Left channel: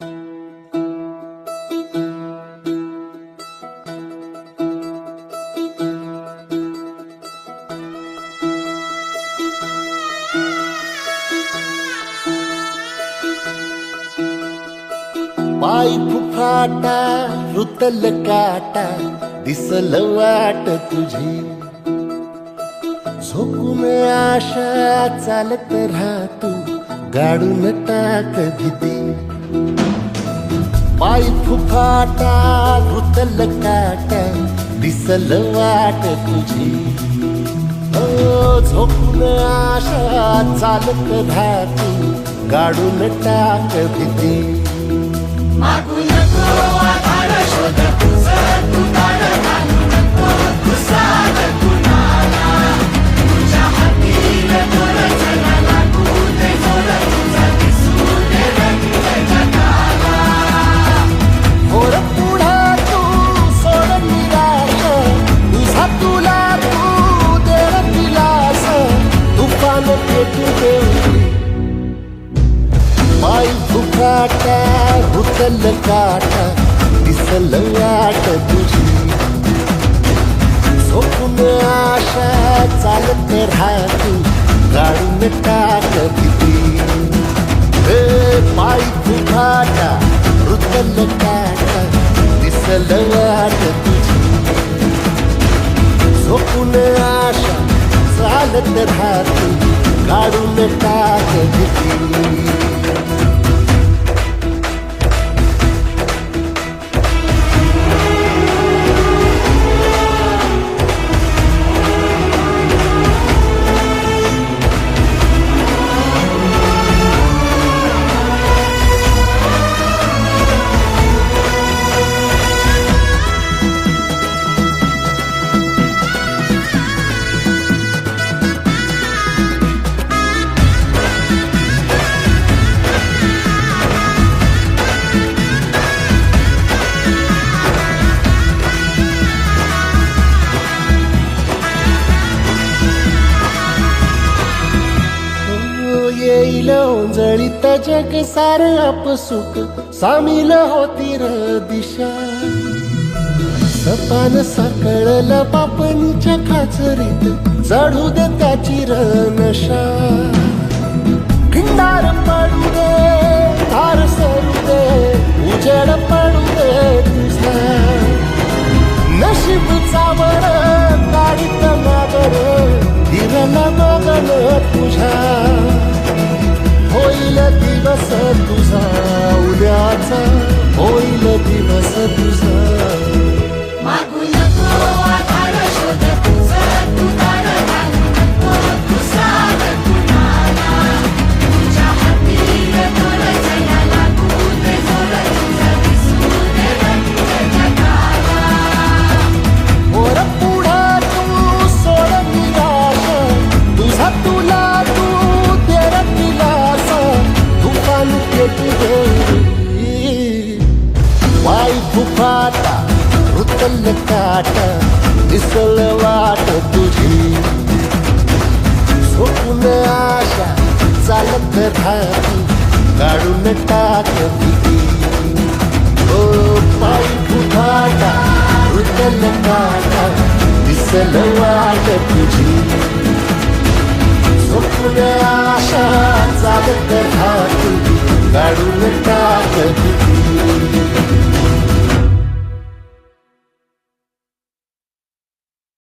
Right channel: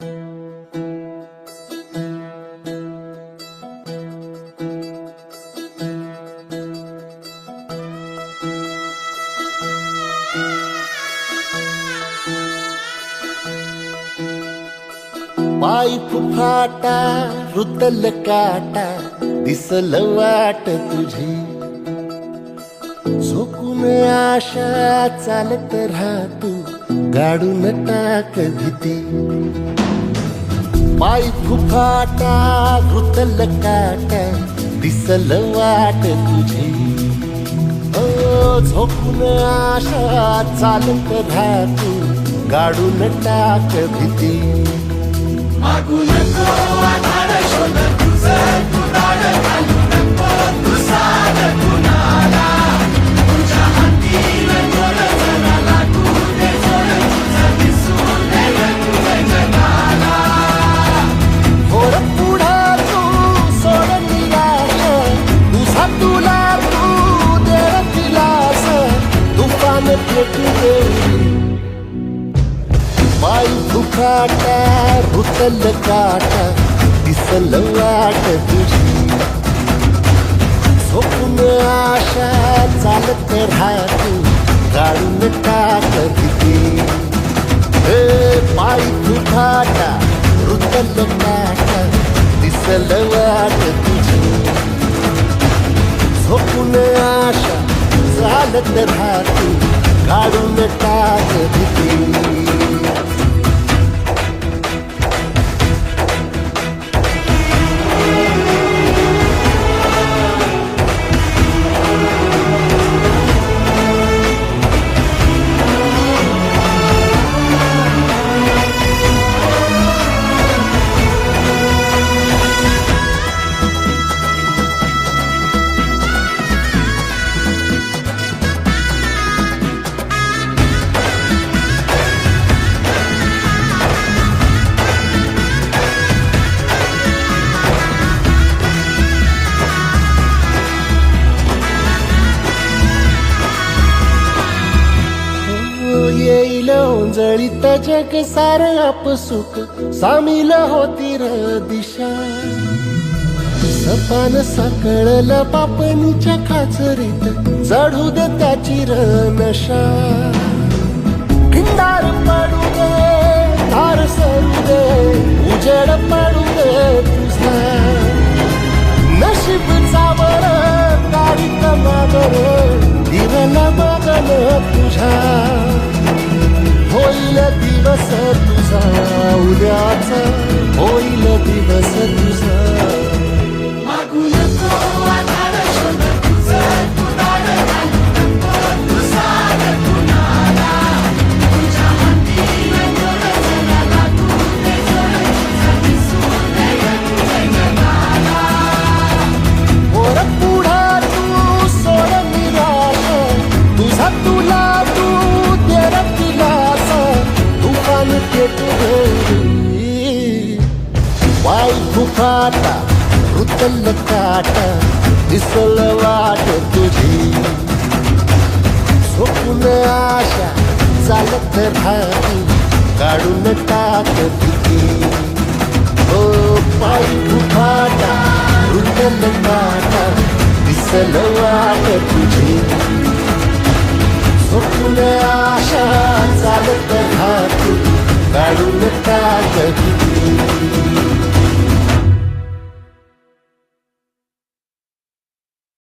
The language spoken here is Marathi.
पाय फुफाटा रुतल काटा दिसल वाट तुझी झोकून आशा चालत राहतू गाडून टाक भीती पाय फुफाटा रुतल काटा दिसल वाट तुझी हो झोकून आशा चालत राहतू गाडून टाक भीती मागू नको आधार शोध तुझं तू दाड घालू नको तू साध कुणाला तुझ्या हातीन दोर जरा लागू दे जोर तुझा दिसू दे रंग जगाला होर पुढा तू सोड निराश तुझा तुला तू देर दिलास तुफान पेटू देवरी पाय फुफाटा रुतल काटा दिसल वाट तुझी झोपून आशा चालत राहतू गाडून टाक भीती पाय फुफाटा रुतल काटा दिसल वाट तुझी झोपून आशा चालत राहतू गाडून टाक भीती येईल ओंजळीत जग सार आपसुक सामील होती र दिशा सपान साकळल पापणीच्या खाचरीत चढू दे त्याची र नशा खिंडार पडू दे धार सरू दे उजेड पडू दे तुझा नशीब चावर काढीत मागर फिरल बघन तुझा होईल दिवस तुझा उद्याचा होईल दिवस तुझा मागू नको आधार शोध तुझं तू दाड घालू नको तू साध कुणाला तुझ्या हातीन दोर जरा लागू दे जोर तुझा दिसू दे रंग जगाला वर पुढा तू सोड निराश तुझा तुला तू देर दिलास तुफान पेटू देवरी पाय फुफाटा रुतल काटा दिसल वाट तुझी झोपून आशा चालत राहतू काढून टाक भीती हो पाय फुफाटा रुतल काटा दिसल वाट तुझी झोपून आशा चालत राहतू काढून टाक भीती